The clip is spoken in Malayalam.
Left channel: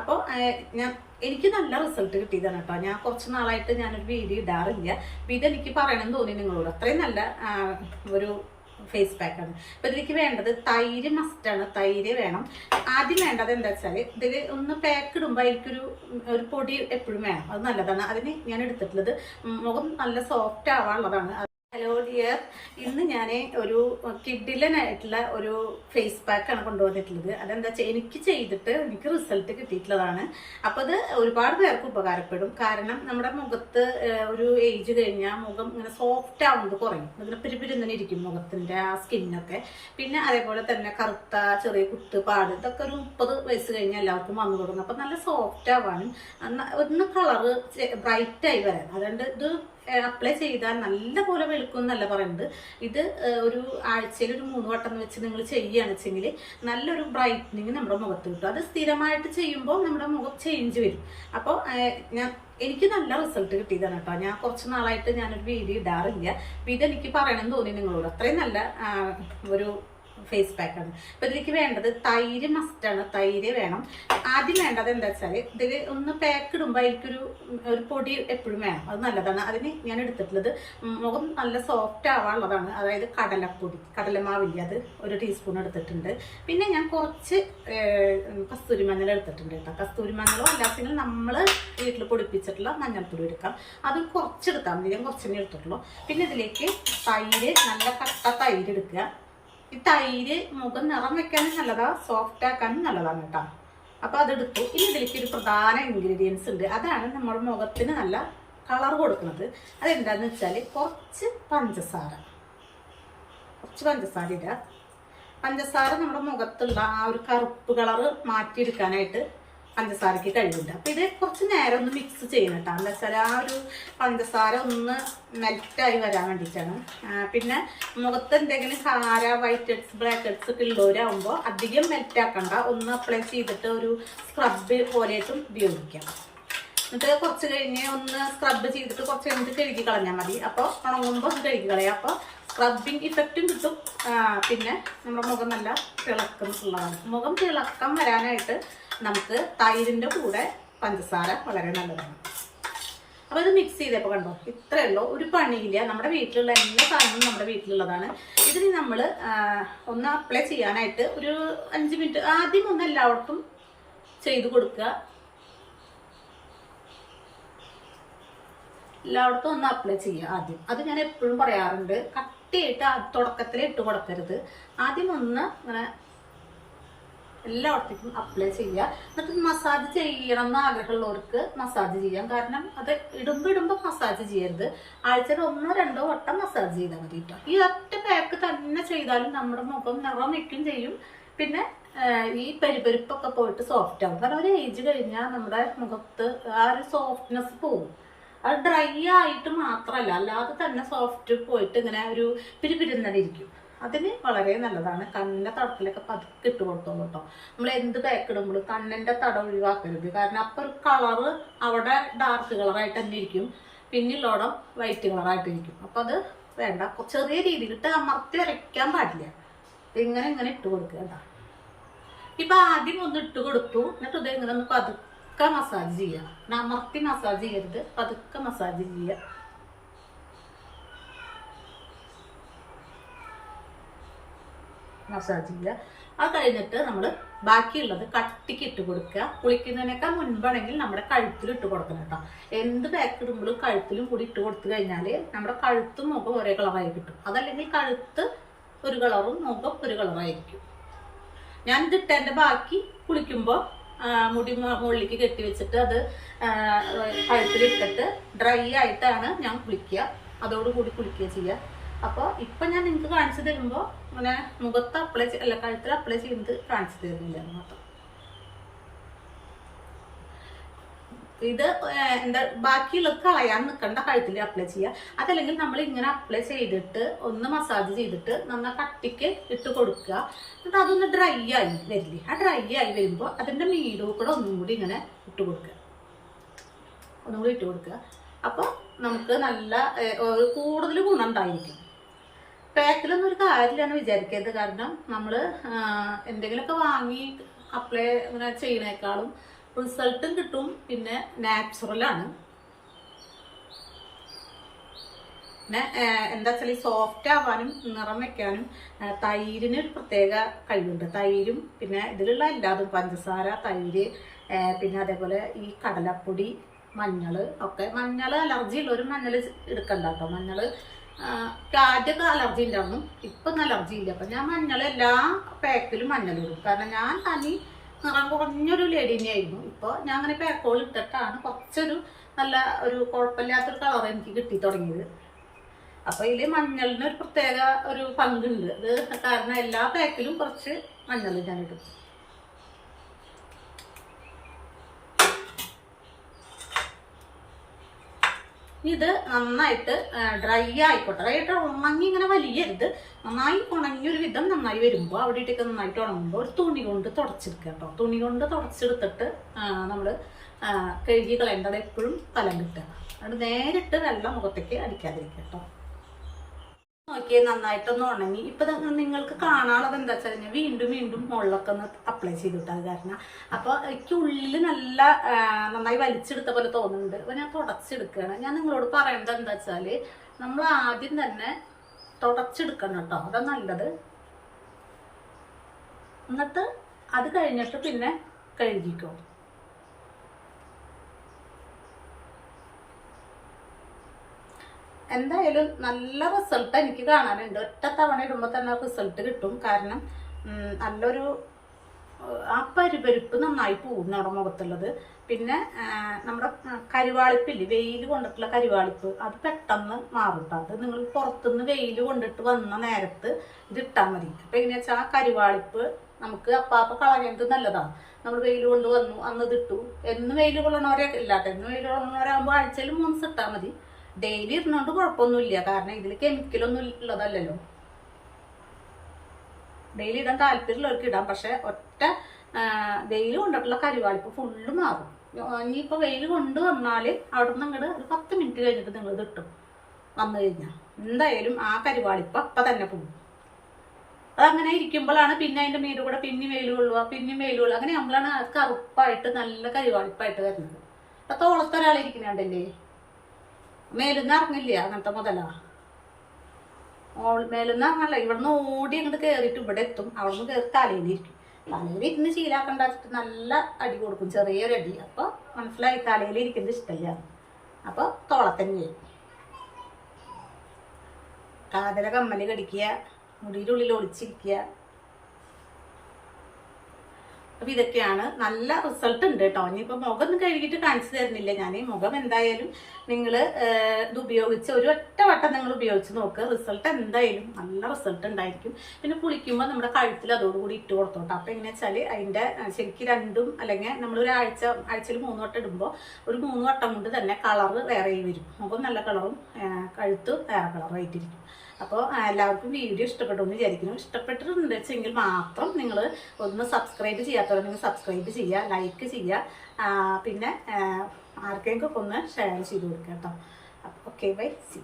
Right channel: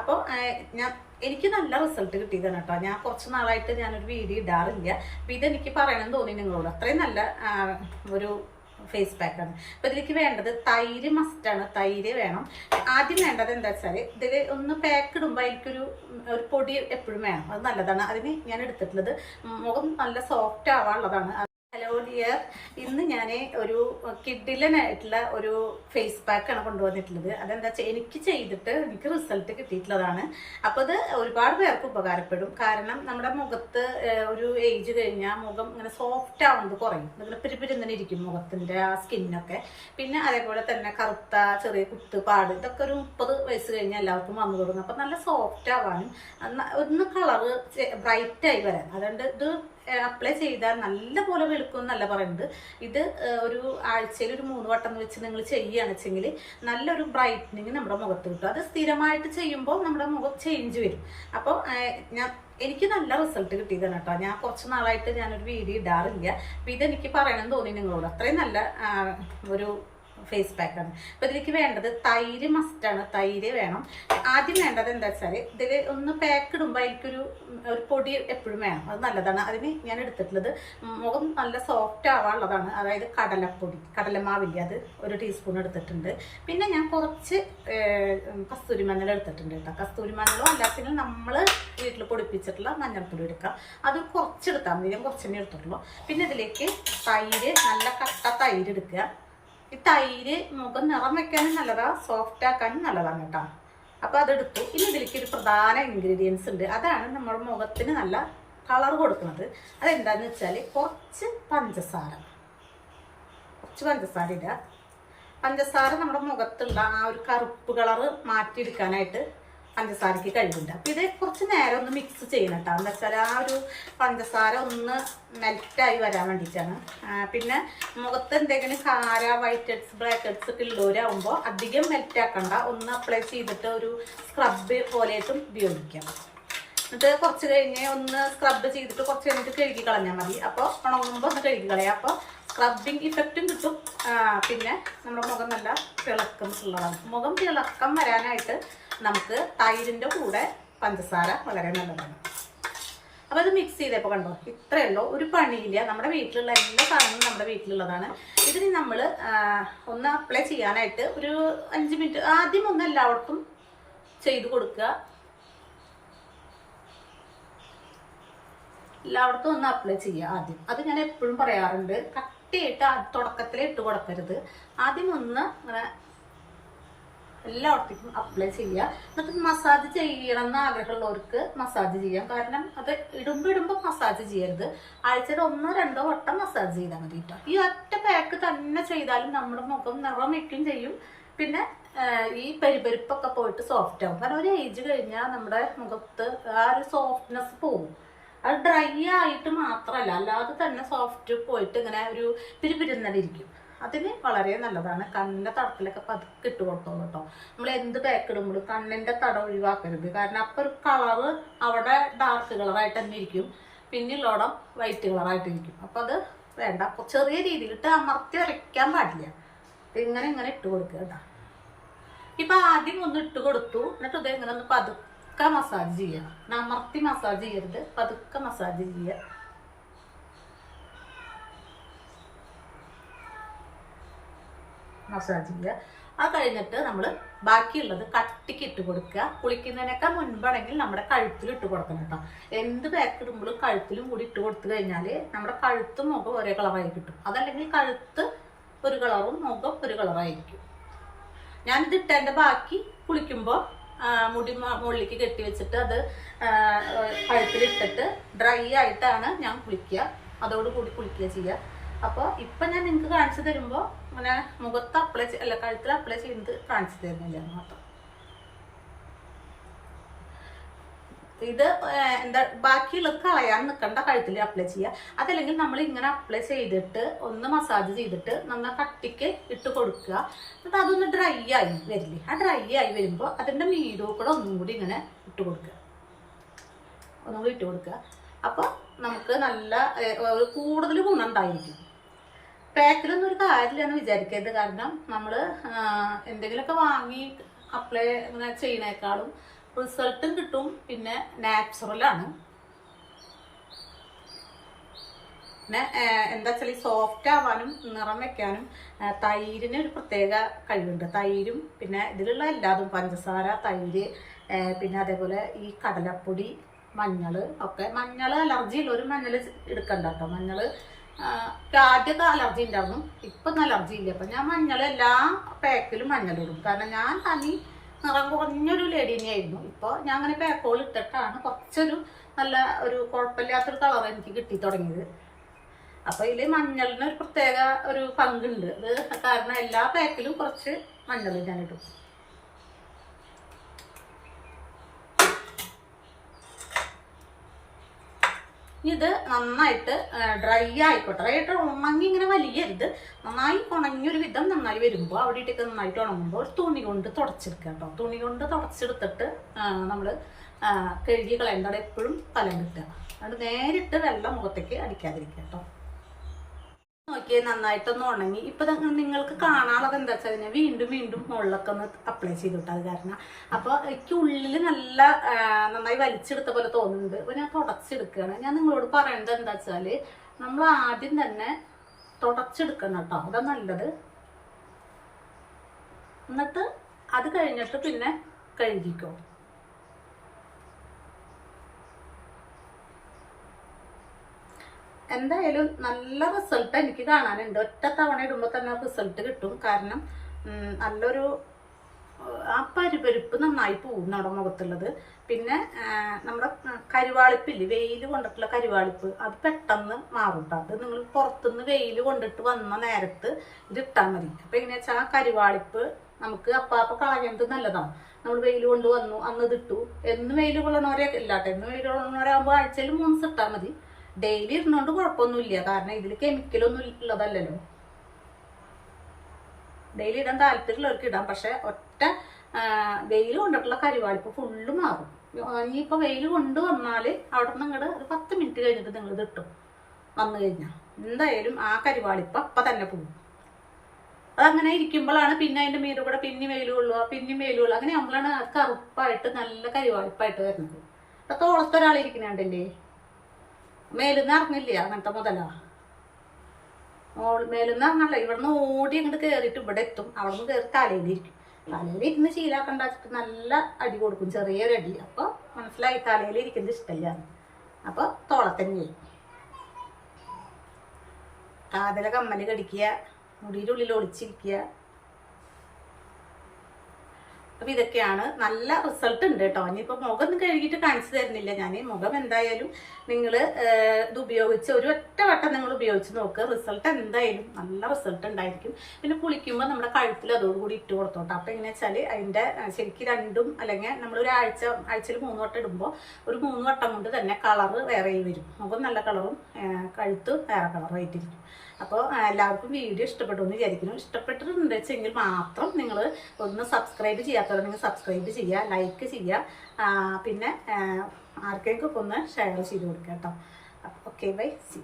അപ്പോൾ ഞാൻ എനിക്ക് നല്ല റിസൾട്ട് കിട്ടിയതാണ് കേട്ടോ. ഞാൻ കുറച്ച് നാളായിട്ട് ഞാനൊരു വീഡിയോ ഇടാറില്ല. അപ്പം ഇതെനിക്ക് പറയണമെന്ന് തോന്നി നിങ്ങളോട്. അത്രയും നല്ല ഒരു ഫേസ് പാക്കാണ് അപ്പം ഇതിലേക്ക് വേണ്ടത് തൈര് മസ്റ്റാണ് തൈര് വേണം. ആദ്യം വേണ്ടത് എന്താ വെച്ചാൽ ഇതിൽ ഒന്ന് പാക്ക് ഇടുമ്പോൾ എനിക്കൊരു ഒരു പൊടി എപ്പോഴും വേണം. അത് നല്ലതാണ്. അതിന് ഞാൻ എടുത്തിട്ടുള്ളത് മുഖം നല്ല സോഫ്റ്റ് ആവാനുള്ളതാണ്. ഹലോ ഡിയർ ഇന്ന് ഞാൻ ഒരു കിഡിലനായിട്ടുള്ള ഒരു ഫേസ് പാക്കാണ് കൊണ്ടുവന്നിട്ടുള്ളത്. അതെന്താ വെച്ചാൽ എനിക്ക് ചെയ്തിട്ട് എനിക്ക് റിസൾട്ട് കിട്ടിയിട്ടുള്ളതാണ്. അപ്പോൾ അത് ഒരുപാട് പേർക്ക് ഉപകാരപ്പെടും. കാരണം നമ്മുടെ മുഖത്ത് ഒരു ഏജ് കഴിഞ്ഞാൽ മുഖം ഇങ്ങനെ സോഫ്റ്റ് ആവുന്നത് കുറയും. ഇങ്ങനെ പിരിപിരിങ്ങനെ ഇരിക്കും മുഖത്തിന്റെ ആ സ്കിന്നൊക്കെ പിന്നെ അതേപോലെ തന്നെ കറുത്ത ചെറിയ കുത്ത് പാട് ഇതൊക്കെ ഒരു മുപ്പത് വയസ്സ് കഴിഞ്ഞാൽ എല്ലാവർക്കും വന്നു തുടങ്ങും. അപ്പോൾ നല്ല സോഫ്റ്റ് ആവാനും ഒന്ന് കളറ് ബ്രൈറ്റായി വരാൻ. അതുകൊണ്ട് ഇത് അപ്ലൈ ചെയ്താൽ നല്ല പോലെ വെളുക്കും എന്നല്ല പറയുന്നത്. ഇത് ഒരു ആഴ്ചയിൽ ഒരു മൂന്ന് വട്ടം എന്ന് വെച്ച് നിങ്ങൾ ചെയ്യുകയാണ് വെച്ചെങ്കിൽ നല്ലൊരു ബ്രൈറ്റനിങ് നമ്മുടെ മുഖത്ത് കിട്ടും. അത് സ്ഥിരമായിട്ട് ചെയ്യുമ്പോൾ നമ്മുടെ മുഖം ചേഞ്ച് വരും. അപ്പോൾ ഞാൻ എനിക്ക് നല്ല റിസൾട്ട് കിട്ടിയതാണ് കേട്ടോ. ഞാൻ കുറച്ച് നാളായിട്ട് ഞാനൊരു വീഡിയോ ഇടാറില്ല. അപ്പം ഇതെനിക്ക് പറയണമെന്ന് തോന്നി നിങ്ങളോട്. അത്രയും നല്ല ഒരു ഫേസ് പാക്കാണ് അപ്പം ഇതിലേക്ക് വേണ്ടത് തൈര് മസ്റ്റാണ് തൈര് വേണം. ആദ്യം വേണ്ടത് എന്താ വെച്ചാൽ ഇതിൽ ഒന്ന് പാക്ക് ഇടുമ്പോൾ അതിലേക്കൊരു ഒരു പൊടി എപ്പോഴും വേണം. അത് നല്ലതാണ്. അതിന് ഞാൻ എടുത്തിട്ടുള്ളത് മുഖം നല്ല സോഫ്റ്റ് ആവാനുള്ളതാണ്. അതായത് കടലപ്പൊടി കടലമാവില്ല അത് ഒരു ടീസ്പൂൺ എടുത്തിട്ടുണ്ട്. പിന്നെ ഞാൻ കുറച്ച് കസ്തൂരി മഞ്ഞൾ എടുത്തിട്ടുണ്ട് കേട്ടോ. കസ്തൂരി മഞ്ഞളോ അല്ലാത്തിൽ നമ്മൾ വീട്ടിൽ പൊടിപ്പിച്ചിട്ടുള്ള മഞ്ഞൾപ്പൊടി എടുക്കാം. അത് കുറച്ചെടുത്താൽ മതി. ഞാൻ കുറച്ചെണ്ണേ എടുത്തിട്ടുള്ളൂ. പിന്നെ ഇതിലേക്ക് തൈര് നല്ല കട്ട തൈര് എടുക്കുക. ഈ തൈര് മുഖം നിറം വെക്കാനും നല്ലതാ സോഫ്റ്റ് ആക്കാനും നല്ലതാണ് കേട്ടോ അപ്പോൾ അതെടുത്തു. ഇനി ഇതിലേക്ക് ഒരു പ്രധാന ഇൻഗ്രീഡിയൻസ് ഉണ്ട്. അതാണ് നമ്മുടെ മുഖത്തിന് നല്ല കളർ കൊടുക്കുന്നത്. അതെന്താന്ന് വെച്ചാൽ കുറച്ച് പഞ്ചസാര. കുറച്ച് പഞ്ചസാര ഇടുക. പഞ്ചസാര നമ്മുടെ മുഖത്തുള്ള ആ ഒരു കറുപ്പ് കളറ് മാറ്റിയെടുക്കാനായിട്ട് പഞ്ചസാരയ്ക്ക് കഴിവുണ്ട്. അപ്പം ഇത് കുറച്ച് നേരം ഒന്ന് മിക്സ് ചെയ്യണം കേട്ടോ എന്താ വെച്ചാൽ ആ ഒരു പഞ്ചസാര ഒന്ന് മെൽറ്റായി വരാൻ വേണ്ടിയിട്ടാണ്. പിന്നെ മുഖത്ത് എന്തെങ്കിലും കാര വൈറ്റ് ഹെഡ്സ് ബ്ലാക്ക് ഹെഡ്സ് ഒക്കെ ഉള്ളവരാകുമ്പോൾ അധികം മെൽറ്റ് ആക്കണ്ട. ഒന്ന് അപ്ലൈ ചെയ്തിട്ട് ഒരു സ്ക്രബ് പോലെയായിട്ടും ഉപയോഗിക്കാം. എന്നിട്ട് കുറച്ച് കഴിഞ്ഞ് ഒന്ന് സ്ക്രബ് ചെയ്തിട്ട് കുറച്ച് കഴിഞ്ഞിട്ട് കഴുകി കളഞ്ഞാൽ മതി. അപ്പോൾ ഉണങ്ങുമ്പോൾ ഒന്ന് കഴുകി കളയാം. അപ്പോൾ സ്ക്രബിങ് ഇഫക്റ്റും കിട്ടും. പിന്നെ നമ്മുടെ മുഖം നല്ല തിളക്കം ഉള്ളതാണ്. മുഖം തിളക്കം വരാനായിട്ട് നമുക്ക് തൈരിന്റെ കൂടെ പഞ്ചസാര വളരെ നല്ലതാണ്. അപ്പോൾ ഇത് മിക്സ് ചെയ്തപ്പോൾ കണ്ടോ? ഇത്രയേ ഉള്ളൂ. ഒരു പണിയില്ല. നമ്മുടെ വീട്ടിലുള്ള എല്ലാ സാധനങ്ങളും നമ്മുടെ വീട്ടിലുള്ളതാണ്. ഇതിന് നമ്മൾ ഒന്ന് അപ്ലൈ ചെയ്യാനായിട്ട് ഒരു അഞ്ച് മിനിറ്റ് ആദ്യം ഒന്ന് എല്ലാവർക്കും ചെയ്ത് കൊടുക്കുക എല്ലായിടത്തും ഒന്ന് അപ്ലൈ ചെയ്യുക ആദ്യം. അത് ഞാൻ എപ്പോഴും പറയാറുണ്ട്. കട്ടിയായിട്ട് തുടക്കത്തിൽ ഇട്ട് കൊടുക്കരുത്. ആദ്യം ഒന്ന് ഇങ്ങനെ എല്ലായിടത്തേക്കും അപ്ലൈ ചെയ്യുക. എന്നിട്ട് മസാജ് ചെയ്യണം എന്ന് ആഗ്രഹമുള്ളവർക്ക് മസാജ് ചെയ്യാം. കാരണം അത് ഇടുമ്പോൾ ഇടുമ്പോൾ മസാജ് ചെയ്യരുത്. ആഴ്ചയിൽ ഒന്നോ രണ്ടോ വട്ടം മസാജ് ചെയ്താൽ മതി കേട്ടോ ഈ ഒറ്റ പാക്ക് തന്നെ ചെയ്താലും നമ്മുടെ മുഖം നിറം വയ്ക്കും ചെയ്യും. പിന്നെ ഈ പരിപരിപ്പൊക്കെ പോയിട്ട് സോഫ്റ്റ് ആവും. കാരണം ഒരു ഏജ് കഴിഞ്ഞാൽ നമ്മുടെ മുഖത്ത് ആ ഒരു സോഫ്റ്റ്നെസ് പോകും. അത് ഡ്രൈ ആയിട്ട് മാത്രമല്ല അല്ലാതെ തന്നെ സോഫ്റ്റ് പോയിട്ട് ഇങ്ങനെ ഒരു പിരിപിരുന്നടി ഇരിക്കും. അതിന് വളരെ നല്ലതാണ്. കണ്ണിന്റെ തടത്തിലൊക്കെ പതുക്കെ ഇട്ട് കൊടുത്തോളൂ കേട്ടോ. നമ്മൾ എന്ത് പാക്ക് ഇടുമ്പോഴും കണ്ണിന്റെ തടം ഒഴിവാക്കരുത്. കാരണം അപ്പോൾ ഒരു കളറ് അവിടെ ഡാർക്ക് കളറായിട്ട് തന്നെ ഇരിക്കും. പിന്നിലോടം വൈറ്റ് കളറായിട്ടിരിക്കും അപ്പോൾ അത് വേണ്ട. ചെറിയ രീതിയിൽ ഇട്ട് അമർത്തി വരയ്ക്കാൻ പാടില്ല. ഇങ്ങനെ ഇങ്ങനെ ഇട്ട് കൊടുക്കുക കേട്ടോ. ഇപ്പൊ ആദ്യം ഒന്ന് ഇട്ട് കൊടുത്തു. എന്നിട്ട് ഇത് ഒന്ന് പതുക്കെ മസാജ് ചെയ്യണം. അമർത്തി മസാജ് ചെയ്യരുത്. പതുക്കെ മസാജ് ചെയ്യുക. മസാജ് ചെയ്യുക. അത് കഴിഞ്ഞിട്ട് നമ്മൾ ബാക്കിയുള്ളത് കട്ടിക്ക് ഇട്ട് കൊടുക്കുക. കുളിക്കുന്നതിനേക്കാൾ മുൻപാണെങ്കിൽ നമ്മുടെ കഴുത്തിൽ ഇട്ട് കൊടുക്കണം കേട്ടോ. എന്ത് പാക്ക് ഇടുമ്പോഴും കഴുത്തിലും കൂടി ഇട്ട് കൊടുത്തു കഴിഞ്ഞാൽ നമ്മുടെ കഴുത്തും മുഖം ഒരേ കളറായി കിട്ടും. അതല്ലെങ്കിൽ കഴുത്ത് ഒരു കളറും മുഖം ഒരു കളറായിരിക്കും ഞാൻ ഇതിട്ടതിന്റെ ബാക്കി കുളിക്കുമ്പോൾ മുടി മുകളിലേക്ക് കെട്ടി വെച്ചിട്ട് അത് കഴുത്തിലിട്ടിട്ട് ഡ്രൈ ആയിട്ടാണ് ഞാൻ കുളിക്കുക. അതോടുകൂടി കുളിക്കുക ചെയ്യുക. അപ്പോൾ ഇപ്പം ഞാൻ നിങ്ങൾക്ക് കാണിച്ചു തരുമ്പോൾ ഇങ്ങനെ മുഖത്ത് അപ്ലൈ അല്ല കഴുത്തിൽ അപ്ലൈ ചെയ്യുന്നത് തരുന്നില്ല എന്ന് മാത്രം. ഇത് എന്താ ബാക്കിയുള്ളത് കളയാൻ നിൽക്കണ്ട കഴുത്തിൽ അപ്ലൈ ചെയ്യുക അതല്ലെങ്കിൽ നമ്മൾ ഇങ്ങനെ അപ്ലൈ ചെയ്തിട്ട് ഒന്ന് മസാജ് ചെയ്തിട്ട് നന്ന കട്ടിക്ക് ഇട്ട് കൊടുക്കുക. എന്നിട്ട് അതൊന്ന് ഡ്രൈ ആയി വരില്ലേ? ആ ഡ്രൈ ആയി വരുമ്പോൾ അതിന്റെ മീഡോ കൂടെ ഒന്നും കൂടി ഇങ്ങനെ ഇട്ട് കൊടുക്കുക. ഒന്നും കൂടി ഇട്ട് കൊടുക്കുക. അപ്പോൾ നമുക്ക് നല്ല കൂടുതൽ ഗുണം ഉണ്ടായിരിക്കും. പാക്കിലൊന്നും ഒരു കാര്യമില്ലെന്ന് വിചാരിക്കരുത്. കാരണം നമ്മൾ എന്തെങ്കിലുമൊക്കെ വാങ്ങി അപ്ലൈ അങ്ങനെ ചെയ്യണേക്കാളും റിസൾട്ടും കിട്ടും. പിന്നെ നാച്ചുറലാണ് പിന്നെ എന്താ വെച്ചാൽ ഈ സോഫ്റ്റ് ആവാനും നിറം വെക്കാനും തൈരിന് ഒരു പ്രത്യേക കഴിവുണ്ട്. തൈരും പിന്നെ ഇതിലുള്ള എല്ലാതും പഞ്ചസാര തൈര് പിന്നെ അതേപോലെ ഈ കടലപ്പൊടി മഞ്ഞൾ ഒക്കെ. മഞ്ഞൾ അലർജി ഉള്ളവരും മഞ്ഞൾ എടുക്കണ്ട കേട്ടോ. മഞ്ഞൾ ആദ്യമൊക്കെ അലർജി ഉണ്ടായിരുന്നു ഇപ്പം അലർജി ഇല്ല. അപ്പം ഞാൻ മഞ്ഞൾ എല്ലാ പാക്കിലും മഞ്ഞൾ ഇടും. കാരണം ഞാൻ തനി നിറം കുറഞ്ഞൊരു ലേഡി തന്നെയായിരുന്നു ഇപ്പോൾ ഞാൻ അങ്ങനെ പാക്കോൾ ഇട്ടിട്ടാണ് കുറച്ചൊരു നല്ല ഒരു കുഴപ്പമില്ലാത്തൊരു കളർ എനിക്ക് കിട്ടി തുടങ്ങിയത്. അപ്പൊ ഇതിൽ മഞ്ഞളിന് ഒരു പ്രത്യേക ഒരു പങ്കുണ്ട്. അത് കാരണം എല്ലാ പാക്കിലും കുറച്ച് മഞ്ഞൾ ഞാൻ ഇടും. ഇത് നന്നായിട്ട് ഡ്രൈ ആയിക്കോട്ടെ. ഡ്രൈ ആയിട്ട് ഉണങ്ങി ഇങ്ങനെ വലിയരുത്. നന്നായി ഉണങ്ങിയൊരു വിധം നന്നായി വരുമ്പോൾ അവിടെ ഇട്ടൊക്കെ നന്നായിട്ട് ഉണങ്ങുമ്പോൾ ഒരു തുണി കൊണ്ട് തുടച്ചെടുക്കുക കേട്ടോ. തുണി കൊണ്ട് തുടച്ചെടുത്തിട്ട് നമ്മൾ കഴുകി കളയേണ്ടത് എപ്പോഴും തലം കിട്ടുക. അതുകൊണ്ട് നേരിട്ട് വെള്ളം മുഖത്തേക്ക് അടിക്കാതിരിക്കുക കേട്ടോ. നോക്കിയേ നന്നായിട്ടൊന്ന് ഉണങ്ങി. ഇപ്പൊ നിങ്ങൾക്ക് കാണാനുള്ളത് എന്താ വെച്ചാൽ ഞാൻ വീണ്ടും വീണ്ടും മുകളിലൊക്കെ ഒന്ന് അപ്ലൈ ചെയ്തിട്ട് അത് കാരണം. അപ്പൊ എനിക്ക് ഉള്ളിൽ നല്ല നന്നായി വലിച്ചെടുത്ത പോലെ തോന്നുന്നുണ്ട്. അപ്പൊ ഞാൻ തുടച്ചെടുക്കുകയാണ്. ഞാൻ നിങ്ങളോട് പറയേണ്ടത് എന്താ വെച്ചാൽ നമ്മൾ ആദ്യം തന്നെ തുടച്ചെടുക്കണം കേട്ടോ. അതാ നല്ലത്. എന്നിട്ട് അത് കഴിഞ്ഞിട്ട് പിന്നെ കഴുകിക്കോ. എന്തായാലും നല്ല റിസൾട്ട് എനിക്ക് കാണാനുണ്ട്. ഒറ്റ തവണ ഇടുമ്പോൾ തന്നെ റിസൾട്ട് കിട്ടും. കാരണം നല്ലൊരു ആ പരിപരിപ്പ് നന്നായി പോകും നമ്മുടെ മുഖത്തുള്ളത്. പിന്നെ നമ്മുടെ കരുവാളിപ്പില്ലേ? വെയിൽ കൊണ്ടിട്ടുള്ള കരിവാളിപ്പ്. അത് പെട്ടെന്ന് മാറും കേട്ടോ അത് നിങ്ങൾ പുറത്തുനിന്ന് വെയിൽ കൊണ്ടിട്ട് വന്ന നേരത്ത് ഇത് ഇട്ടാൽ മതി. അപ്പം എങ്ങനെയാ വെച്ചാൽ ആ കരിവാളിപ്പ് നമുക്ക് അപ്പാപ്പ കളയുന്നത് നല്ലതാണ് നമ്മൾ വെയിൽ കൊണ്ട് വന്നു അന്ന് ഇതിട്ടു എന്ന് വെയിൽ കൊള്ളണവരെ ഇല്ലാട്ടെ. എന്ന് വെയിൽ കൊള്ളണവരാകുമ്പോൾ ആഴ്ചയിൽ മൂന്ന് ഇട്ടാൽ മതി. ഡെയിലി ഇരുന്നോണ്ട് കുഴപ്പമൊന്നുമില്ല. കാരണം ഇതിൽ കെമിക്കലൊന്നും ഉള്ളതല്ലല്ലോ. ഡെയിലി ഇടാൻ താല്പര്യമുള്ളവർക്ക് ഇടാം. പക്ഷെ ഒറ്റ വെയിൽ കൊണ്ടിട്ടുള്ള കരിവാളിപ്പ് ഫുള്ള് മാറും. ഇനിയിപ്പോൾ വെയിൽ കൊണ്ട് വന്നാൽ അവിടെ നിന്ന് ഇങ്ങോട്ട് ഒരു പത്ത് മിനിറ്റ് കഴിഞ്ഞിട്ട് നിങ്ങൾ ഇട്ടും. വന്നു കഴിഞ്ഞാൽ എന്തായാലും ആ കരിവാളിപ്പ് അപ്പം തന്നെ പോകും. അതങ്ങനെ ഇരിക്കുമ്പോഴാണ് പിന്നെ അതിന്റെ മീതെ കൂടെ പിന്നെ വെയിൽ കൊള്ളുക പിന്നെ വെയിൽ കൊള്ളുക. അങ്ങനെ നമ്മളാണ് അത് കറുപ്പായിട്ട് നല്ല കരിവാളിപ്പായിട്ട് വരുന്നത്. അപ്പം തോളത്തൊരാളിരിക്കണുണ്ടല്ലേ മേലുന്ന് ഇറങ്ങില്ല അങ്ങനത്തെ മുതലാ. ഓൾ മേലുന്ന് ഇറങ്ങല്ല ഇവിടുന്ന് ഓടി അങ്ങോട്ട് കയറിയിട്ട് ഇവിടെ എത്തും. അവിടെ നിന്ന് കയറി തലയിലിരിക്കും. തലയിൽ ഇരുന്ന് ശീലാക്കണ്ട വെച്ചിട്ട് നല്ല അടി കൊടുക്കും ചെറിയൊരു അടി. അപ്പോൾ മനസ്സിലായി തലയിൽ ഇരിക്കുന്നത് ഇഷ്ടമില്ല അപ്പോൾ തോളത്തന്നെ കാതല കമ്മൽ കടിക്കുക മുടിയിലുള്ളിൽ ഒളിച്ചിരിക്കുക. അപ്പൊ ഇതൊക്കെയാണ്. നല്ല റിസൾട്ട് ഉണ്ട് കേട്ടോ ഇനിയിപ്പോൾ മുഖം കഴുകിയിട്ട് കാണിച്ചു തരുന്നില്ല. ഞാൻ മുഖം എന്തായാലും നിങ്ങൾ ഇത് ഉപയോഗിച്ച് ഒരു ഒറ്റ വട്ടം നിങ്ങൾ ഉപയോഗിച്ച് നോക്ക്. റിസൾട്ട് എന്തായാലും നല്ല റിസൾട്ട് ഉണ്ടായിരിക്കും. പിന്നെ കുളിക്കുമ്പോൾ നമ്മുടെ കഴുത്തിൽ അതോടുകൂടി ഇട്ട് കൊടുത്തോട്ടോ. അപ്പൊ എങ്ങനെ വെച്ചാൽ അതിന്റെ അഹ് ശരിക്കും രണ്ടും അല്ലെങ്കിൽ നമ്മൾ ഒരു ആഴ്ച ആഴ്ചയിൽ മൂന്ന് വട്ടം ഇടുമ്പോൾ ഒരു മൂന്ന് വട്ടം കൊണ്ട് തന്നെ കളറ് വേറെ വരും. മുഖം നല്ല കളറും കഴുത്ത് വേറെ കളറായിട്ടിരിക്കും അപ്പോൾ എല്ലാവർക്കും വീഡിയോ ഇഷ്ടപ്പെട്ടു എന്ന് വിചാരിക്കുന്നു. ഇഷ്ടപ്പെട്ടിട്ടുണ്ട് വെച്ചെങ്കിൽ മാത്രം നിങ്ങൾ ഒന്ന് സബ്സ്ക്രൈബ് ചെയ്യാത്തവരുണ്ടെങ്കിൽ സബ്സ്ക്രൈബ് ചെയ്യുക ലൈക്ക് ചെയ്യുക. പിന്നെ ആർക്കെങ്കിലും ഒന്ന് ഷെയർ ചെയ്ത് കൊടുക്കുക കേട്ടോ. Okay bye C